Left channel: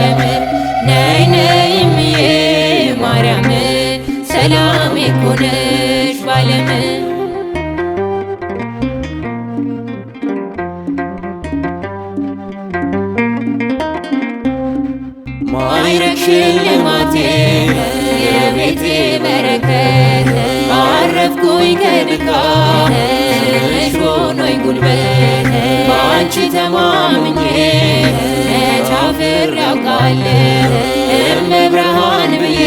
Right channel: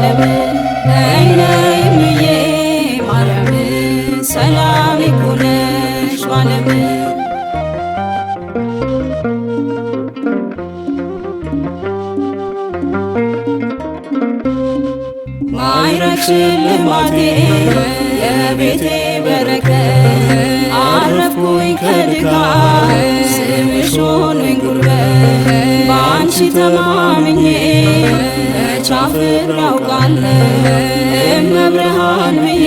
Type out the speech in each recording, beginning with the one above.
ሻለም ነይ ነይ እምዬ ማርያም ሰላም ይኩንሽ ባለም ማይረግ ሽልማቴ የቤቴ በረከት አረፍኩኝ ከድካም ስምሽ ሆኖኝ ጉልበት በአንቺ ተማምኜ መች አፍሬ አውቃለሁ እመብርሃን ብዬ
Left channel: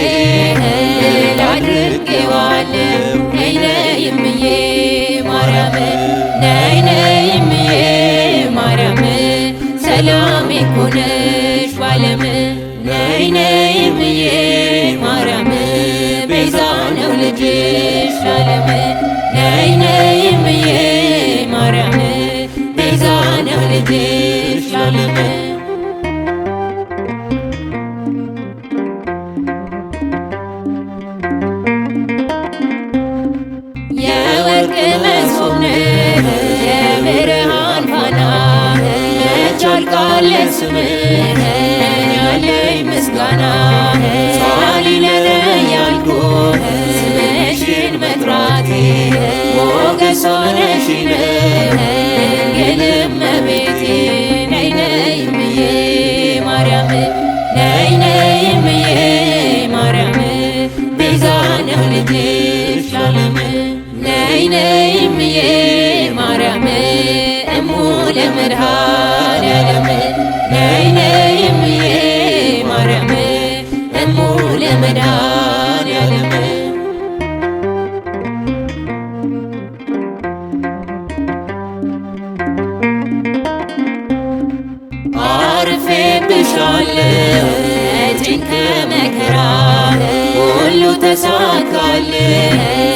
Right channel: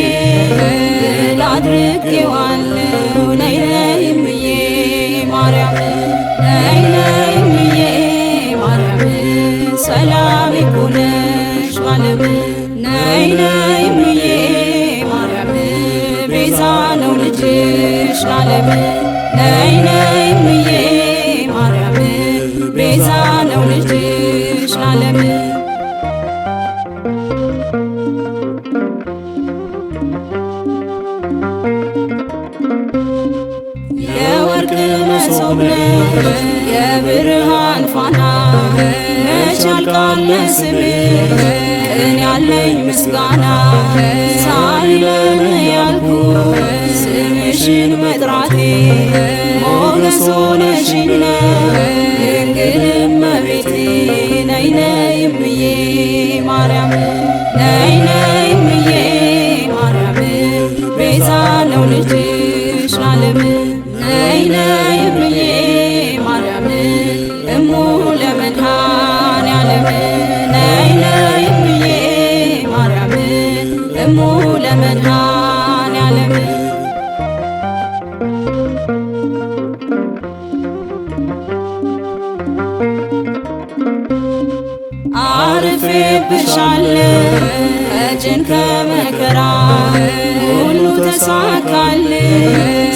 ድል አድርጌዋለሁ። ነይ ነይ እምዬ ማርያም ነይ ነይ እምዬ ማርያም ሰላም ይኩንሽ ባለም ነይ ነይ እምዬ ማርያም ቤዛ ነው ልጅሽ ዓለም ነይ ነይ እምዬ ማርያም ቤዛ ነው ልጅሽ ዓለም የወርቅ መሶብ ነሽ የብርሃን ፋና መች ያልቃል ስምሽ ያለኝ ምስጋና ሳሊለ ያልኩት ስምሽን መጥራቴ ሞገስ ሆነሽኝ ድንግል እመቤቴ ነይ ነይ እምዬ ማርያም ነይ ነይ እምዬ ማርያም ቤዛ ነው ልጅሽ ዓለም ነይ ነይ እምዬ ማርያም እሙ ለመድኃኔዓለም ነይ ነይ እምዬ ማርያም እሙ ለመድኃኔዓለም አርፌብሻለሁ እጄን ከመከራ ሁሉ ተሳካልኝ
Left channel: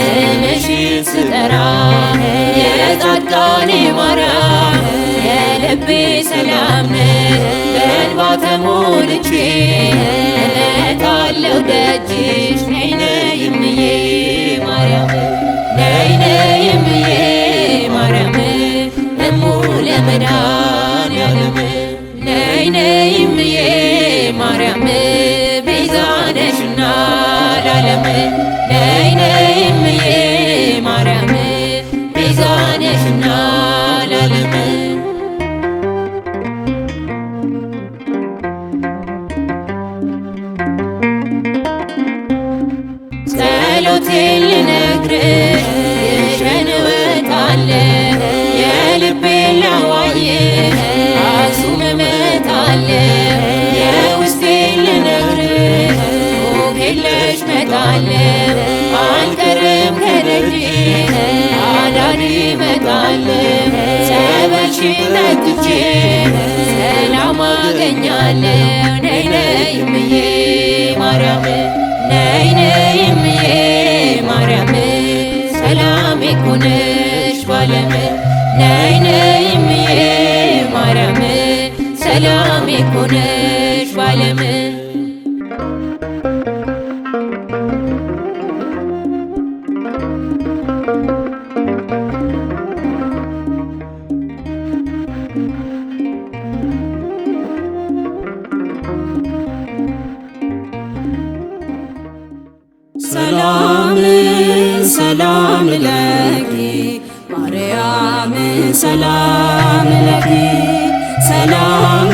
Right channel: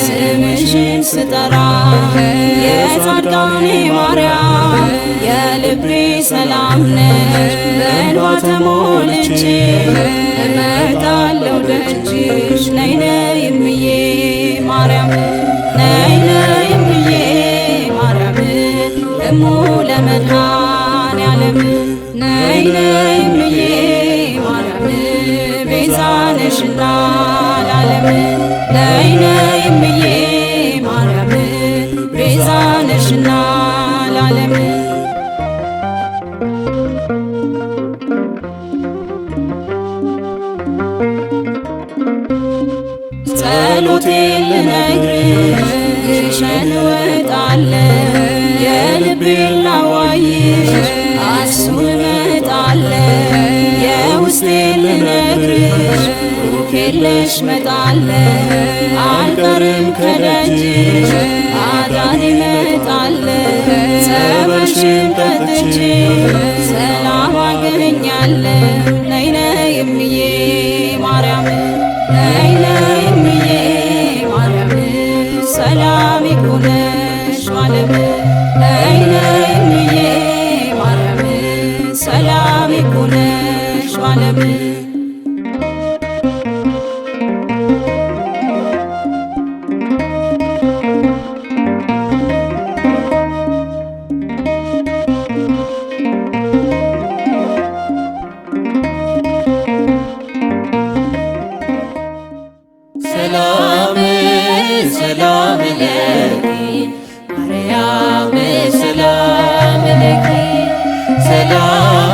ስምሽን ስጠራ የጻድቃኔ ማርያም የልቤ ሰላም ነሽ በእንባ ተሞልቼ እመጣለሁ ደጅሽ ነይ ነይ እምዬ ማርያም ነይ ነይ እምዬ ማርያም እሙ ለመድኃኔዓለም ነይ ነይ እምዬ ማርያም ቤዛ ነሽና ለዓለም ነይ ነይ እምዬ ማርያም ቤዛ ነሽና ለዓለም ጸሎቴን ልነግርሽ ግሸን እወጣለሁ የልቤን ላዋይሽ አክሱም እመጣለሁ የውስጤን ልነግርሽ ሩቅ እመጣለሁ አልቀርም ከደጅሽ አዳኔ እመጣለሁ ጸበልሽን ነክቼ ሰላም አገኛለሁ ነይ ነይ እምዬ ማርያም ነይ ነይ እምዬ ማርያም ሰላም ይኩንሽ ባለም ነይ ነይ እምዬ ማርያም ሰላም ይኩንሽ ባለም ሰላም ሰላም ለኪ ማርያም ሰላም ለኪ ሰላም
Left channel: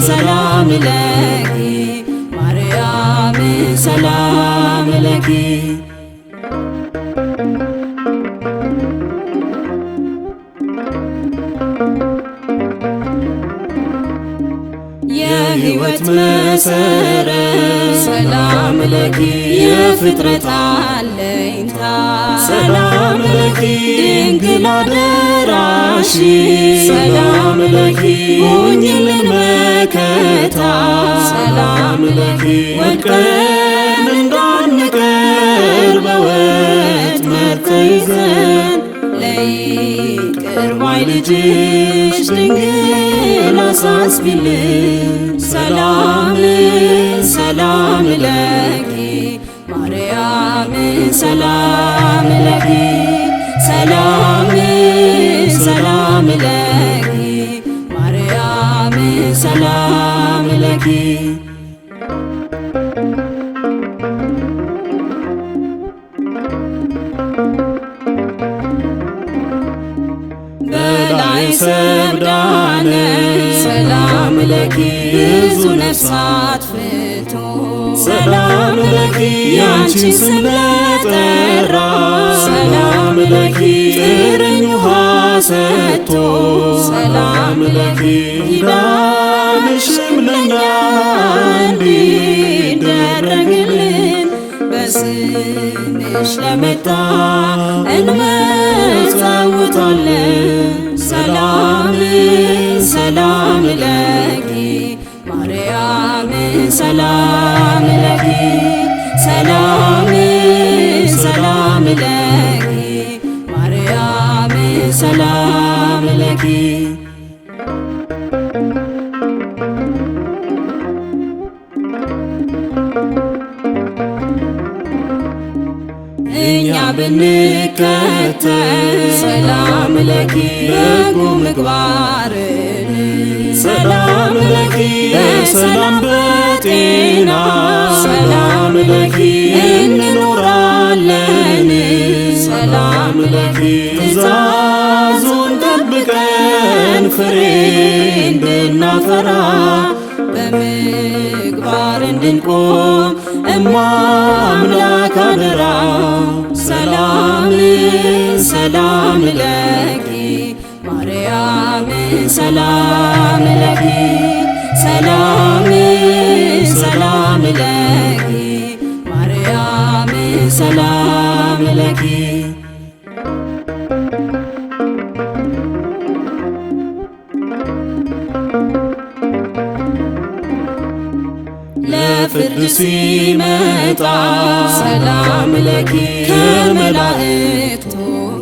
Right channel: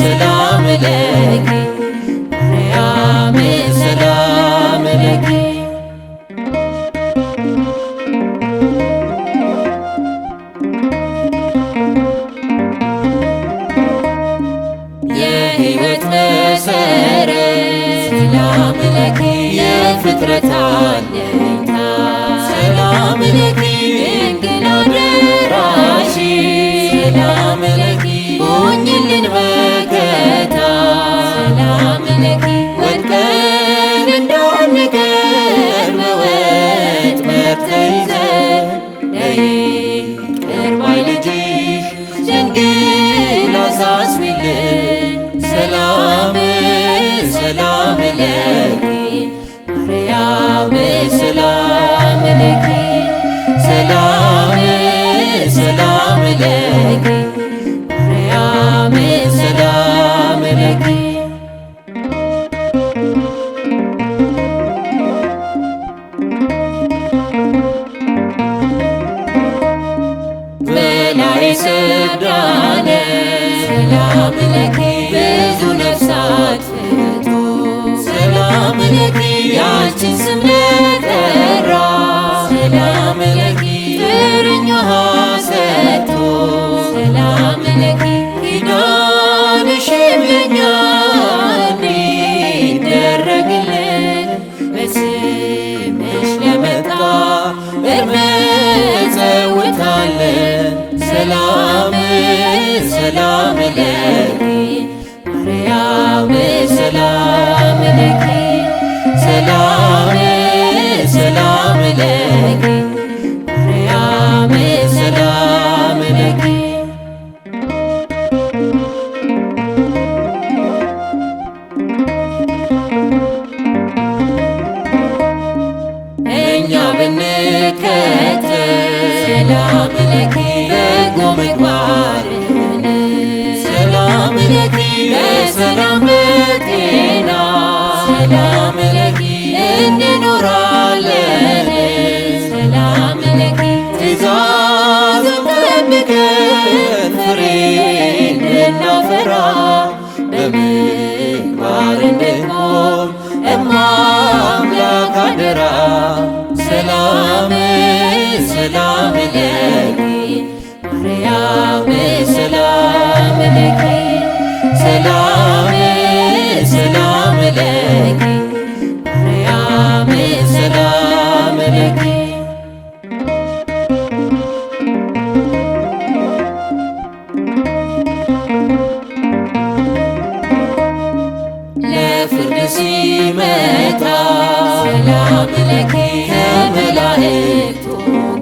ሰላም ለኪ ማርያም ሰላም ለኪ የሕይወት መሰረት ሰላም ለኪ የፍጥረት አለኝታ ሰላም ለኪ ድንግል አደራሽ ሰላም ለኪ ሁኚልን መከታ ሰላም ለኪ ወድቀን እንዳንቀር በወጥመድ ተይዘን ይቅር ባይ ልጅሽ ድንግል አሳስቢልን ሰላም ሰላም ለኪ ማርያም ሰላም ለኪ ሰላም ሰላም ለኪ ሰላም ለኪ ያንቺን ስም ለጠራ ሰላም ለኪ ጥርኝ ውሃ ሰጥቶ ሰላም ለኪ ኪዳንሽን በኛ እንዲደረግልን በስምሽ ለመጣ እንመጸውታለን። ሰላም ሰላም ለኪ ማርያም ሰላም ለኪ ሰላም ሰላም ለኪ ማርያም ሰላም ለኪ እኛ ብንከተል ሰላም ለኪ በጎ ምግባርን ሰላም ለኪ በሰላም በጤና ሰላም ለኪ እንኖራለን ሰላም ለኪ ትእዛዙን ጠብቀን ፍሬ እንድናፈራ በምግባር እንድንቆም እማምላክ አደራ ሰላም ሰላም ለኪ ማርያም ሰላም ለኪ ሰላም ሰላም ለኪ ማርያም ሰላም ለኪ ለፍርድ ሲመጣ ሰላም ለኪ ከመላእክቱ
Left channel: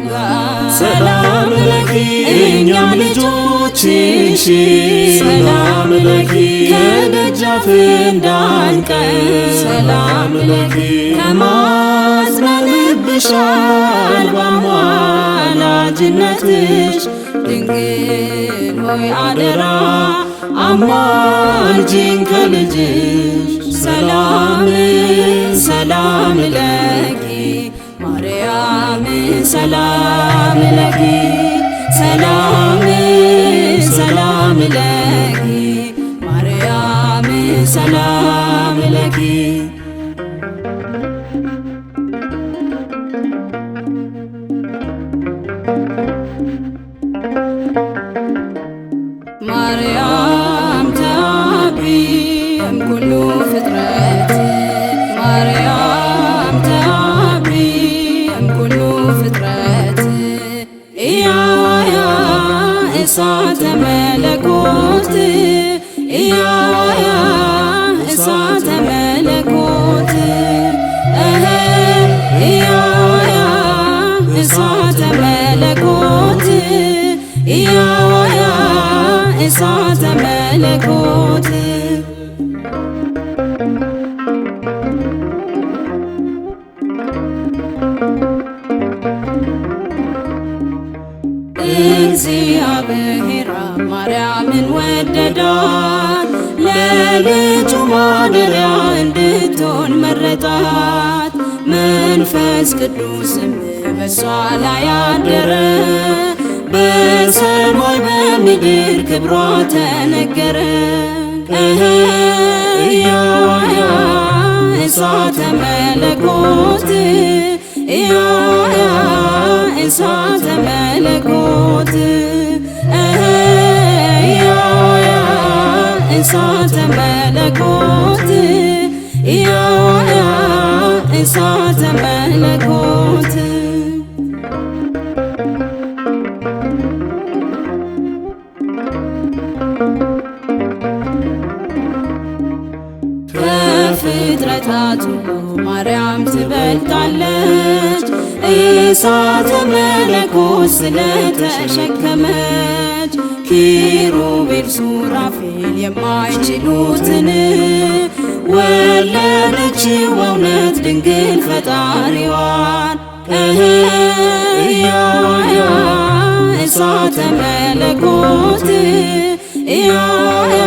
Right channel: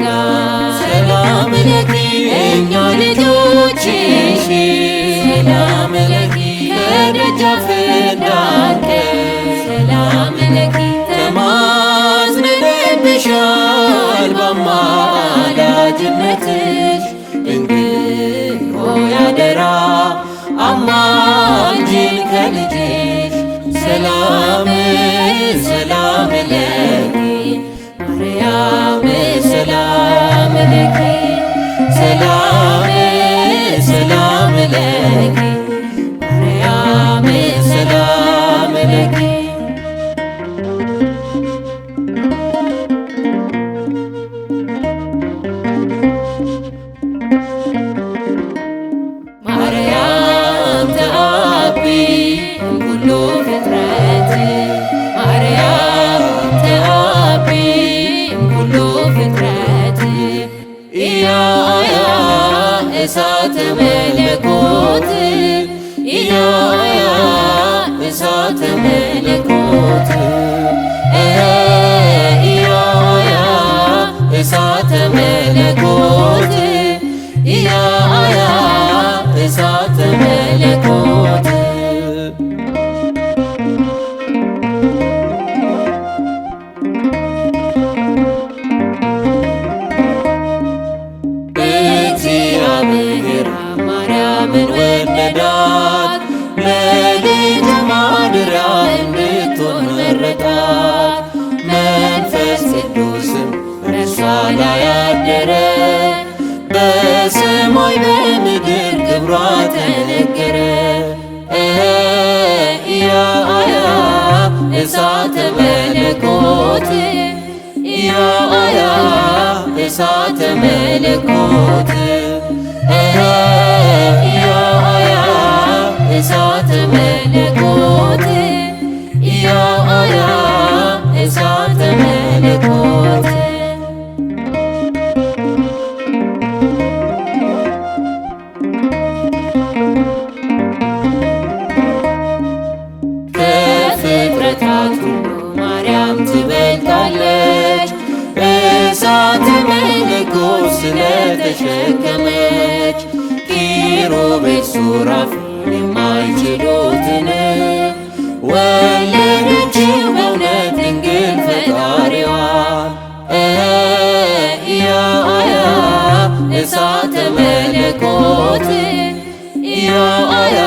ጋር ሰላም ለኪ እኛ ልጆችሽ ሰላም ለኪ ከደጃፍ እንዳንቀር ሰላም ለኪ ተማጽነንብሻል በአማላጅነትሽ ድንግል ሆይ አደራ አማልጂን ከልጅሽ ሰላም ሰላም ለኪ ማርያም ሰላም ለኪ ሰላም ሰላም ለኪ ማርያም ሰላም ለኪ ማርያም ተአቢ እምኩሉ ፍጥረት ማርያም ተአቢ እምኩሉ ፍጥረት ኢያያ እሳተ መለኮት ኢያያ እሳተ መለኮት ኢያያ እሳተ መለኮት ኢያያ እሳተ መለኮት እግዚአብሔር ማርያምን ወደዳት ለልጁ ማደሪያ እንድትሆን መረጣት መንፈስ ቅዱስም በእርሷ ላይ አደረ በሰማይ በምድር ክብሯ ተነገረ ኢያያ እሳተ መለኮት ኢያያ እሳተ መለኮት ኢያያ እሳተ መለኮት ኢያያ እሳተ መለኮት ከፍጥረታት ሁሉ ማርያም ትበልጣለች እሳተ መለኮት ስለተሸከመች ኪሩቤል ሱራፌል የማይችሉትን ወለደችው በእውነት ድንግል ፈጣሪዋን ኢያያ እሳተ መለኮት ኢያያ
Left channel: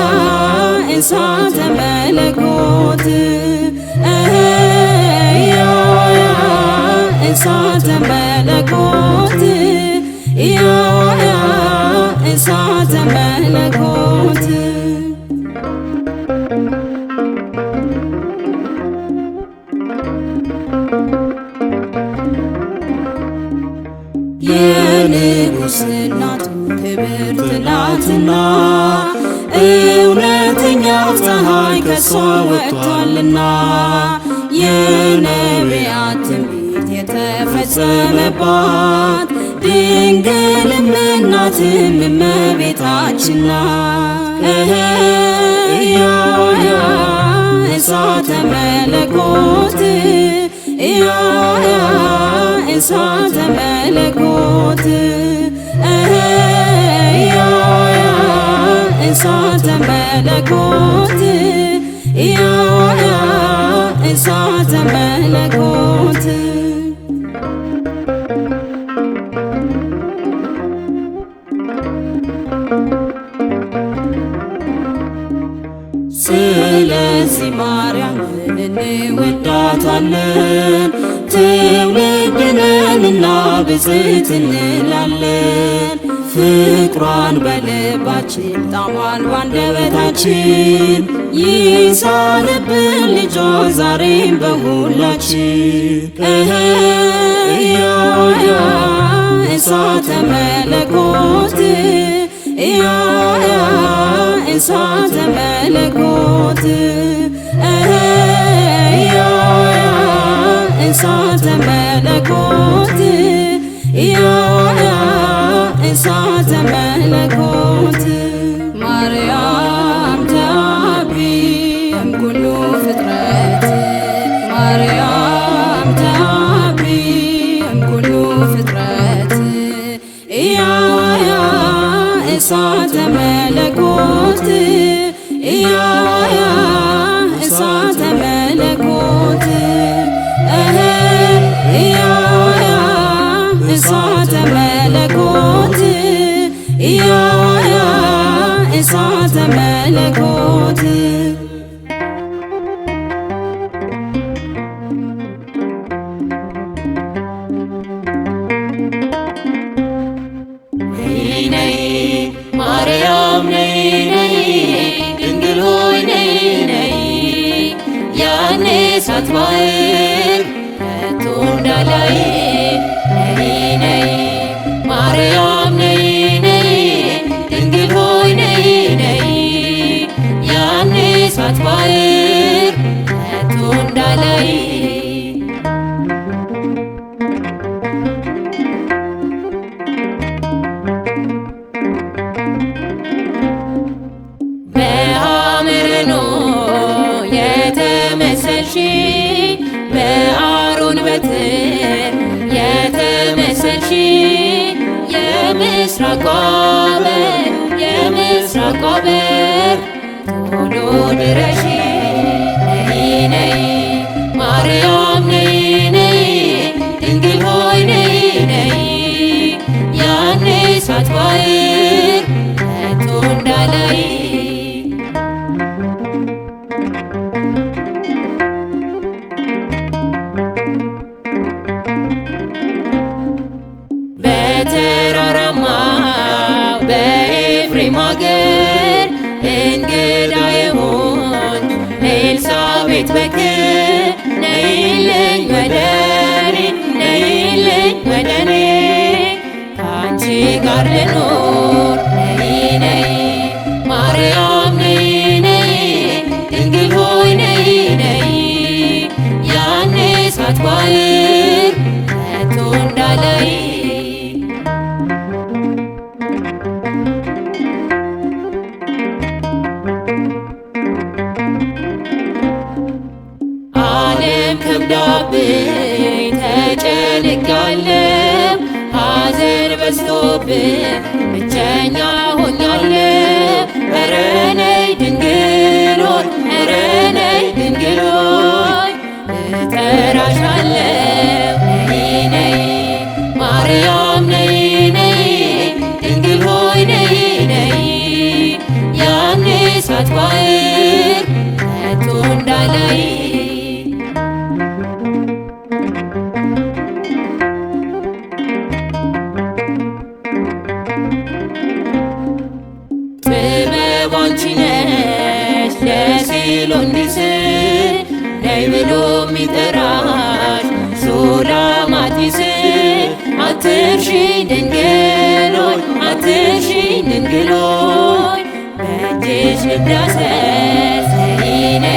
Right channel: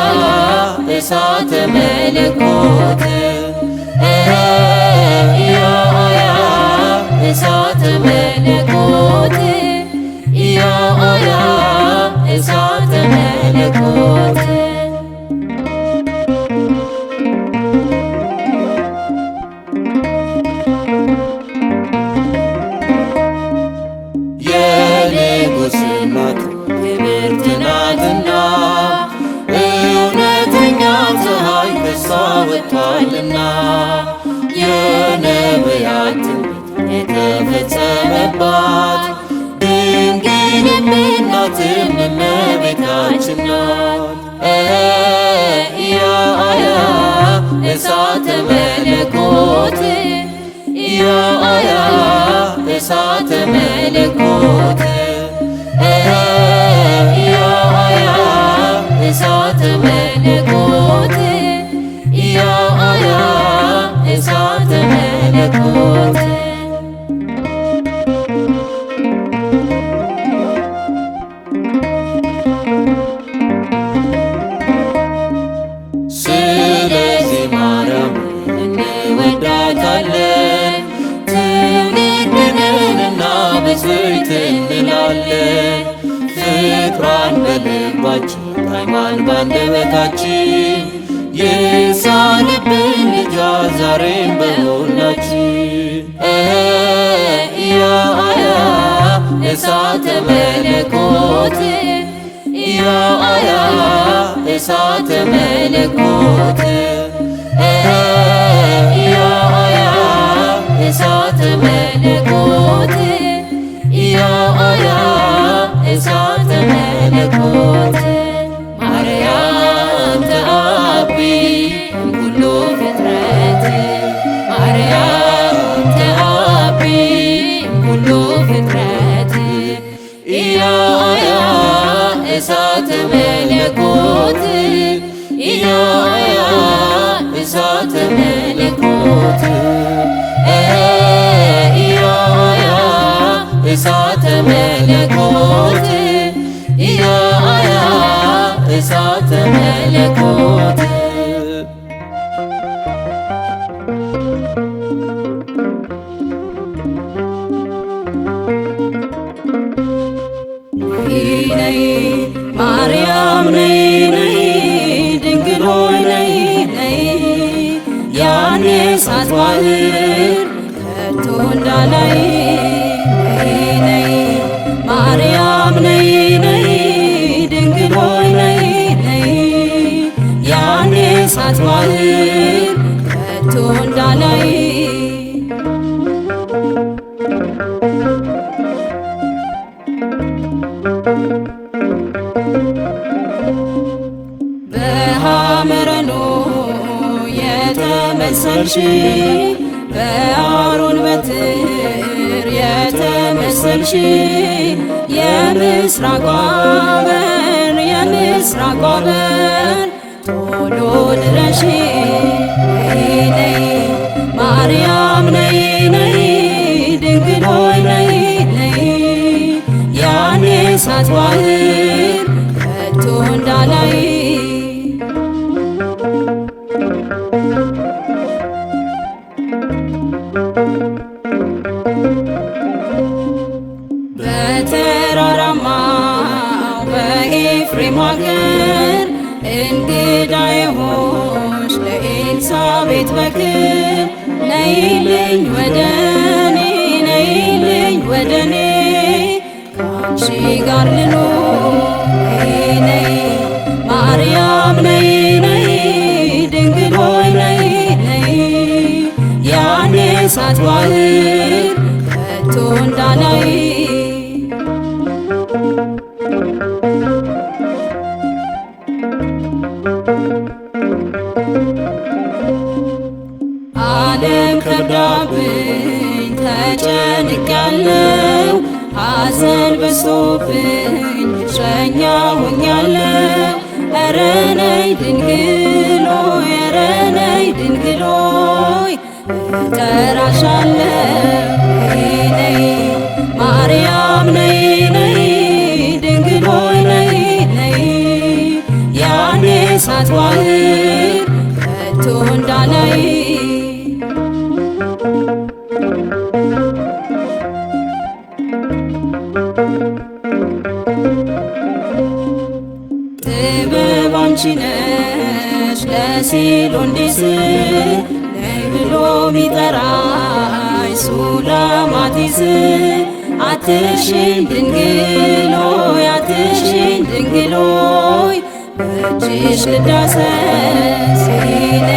እሳተ መለኮት ኢያያ እሳተ መለኮት ኢያያ እሳተ መለኮት ከሷ ወጥቷልና የነቢያት ትንቢት የተፈጸመባት ድንግልም እናትም እመቤታችን ናት። ኢያያ እሳተ መለኮት ኢያያ እሳተ መለኮት ኢያያ እሳተ መለኮት ኢያያ እሳተ መለኮት ስለዚህ ማርያምን እንወዳታለን ትውልድነንና ብፅዕት እንላለን። ፍቅሯን በልባችን ጣዕሟን ባንደበታችን ይሳርብን ልጇ ዛሬም በሁላችን። ኢያያ እሳተ መለኮት ኢያያ እሳተ መለኮት ኢያያ እሳተ መለኮት ኢያያ እሳተ መለኮት ማርያም ተአቢ እምኩሉ ፍጥረት ማርያም ተአቢ እምኩሉ ፍጥረት ኢያያ እሳተ መለኮት ኢያያ እሳተ መለኮት ኢያያ እሳተ መለኮት ኢያያ እሳተ መለኮት ነይ ማርያም ነይ ነይ ድንግል ሆይ ነይ ነይ ያኔ ሳትባህር ከቶ እንዳላይ ነይ ነይ ማርያም ነይ ነይ ድንግል ሆይ ነይ ነይ ያኔ ሳትባህር ከቶ እንዳላይ በሐመረኖ የተመሰልሽ በአሮን በትር የተመሰልሽ የምስራቋ በር የምስራቋ በር ቶሎ ድረሺ ነይ ነይ ማርያም ነይ ነይ ድንግል ሆይ ነይ ነይ ያኔ ሳትባህር ከቶ እንዳላይ በተራራማ በኤፍሬም አገር እንግዳ የሆንሽ ኤልሳቤጥ በክር ነይልኝ ወደኔ ነይልኝ ወደኔ ከአንቺ ጋር ልኖር ነይ ነይ ማርያም ነይ ነይ ድንግል ሆይ ነይ ነይ ያኔ ሳትባህር ከቶ እንዳላይ ዓለም ከብዳብኝ ተጨንቃለሁ ሐዘን በዝቶብኝ ብቸኛ ሆኛለሁ። ኧረ ነይ ድንግል ሆይ ኧረ ነይ ድንግል ሆይ እጠራሻለሁ ነይ ነይ ማርያም ነይ ነይ ድንግል ሆይ ነይ ነይ ያኔ ሳትባህር ከቶ እንዳላይ ጥበብ አንቺ ነሽ የሲሎንዲስ ነይ ብሎ ሚጠራኝ ሱላማጢስ አትርሺኝ ድንግል ሆይ አትርሺኝ ድንግል ሆይ በእጅሽ ልዳሰስ ነይ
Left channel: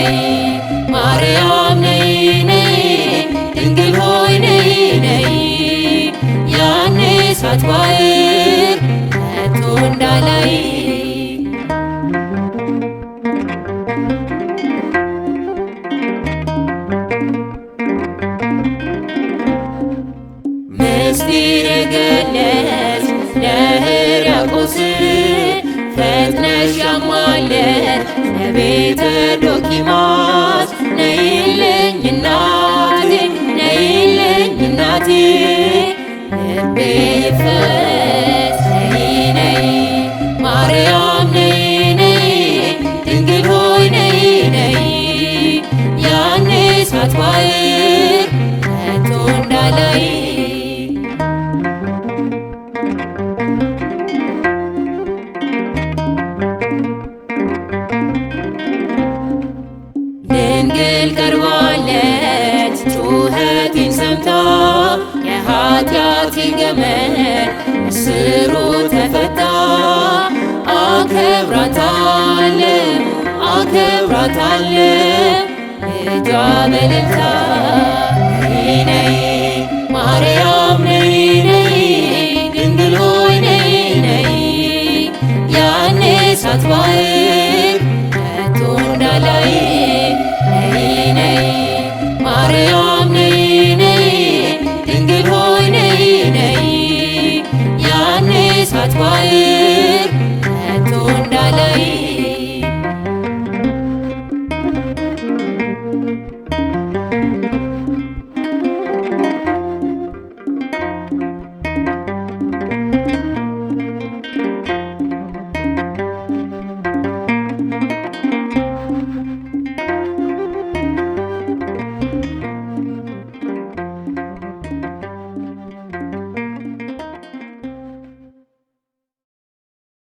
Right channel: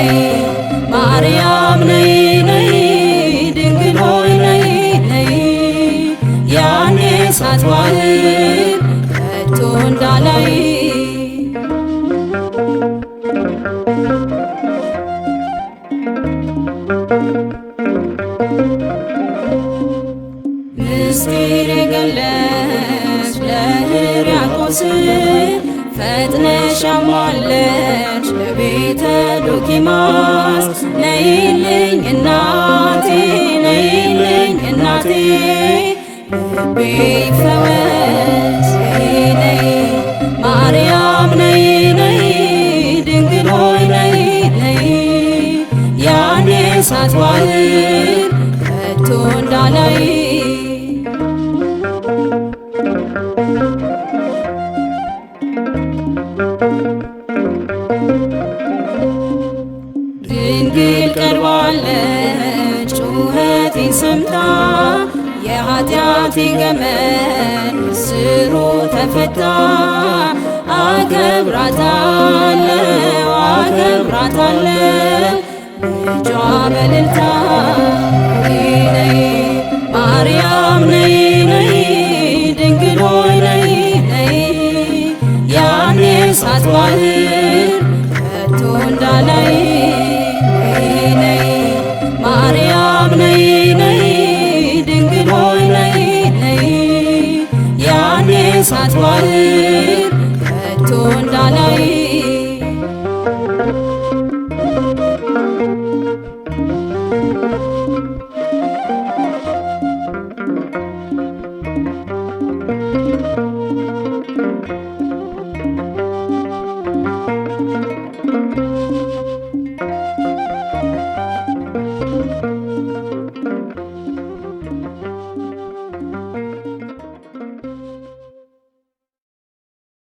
ድንግል ቀርባለች ጩኸቴን ሰምታ የኃጢአቴ ገመድ እስሩ ተፈታ። አከብራታለሁ ልጇ በእልልታ ነይ ማርያም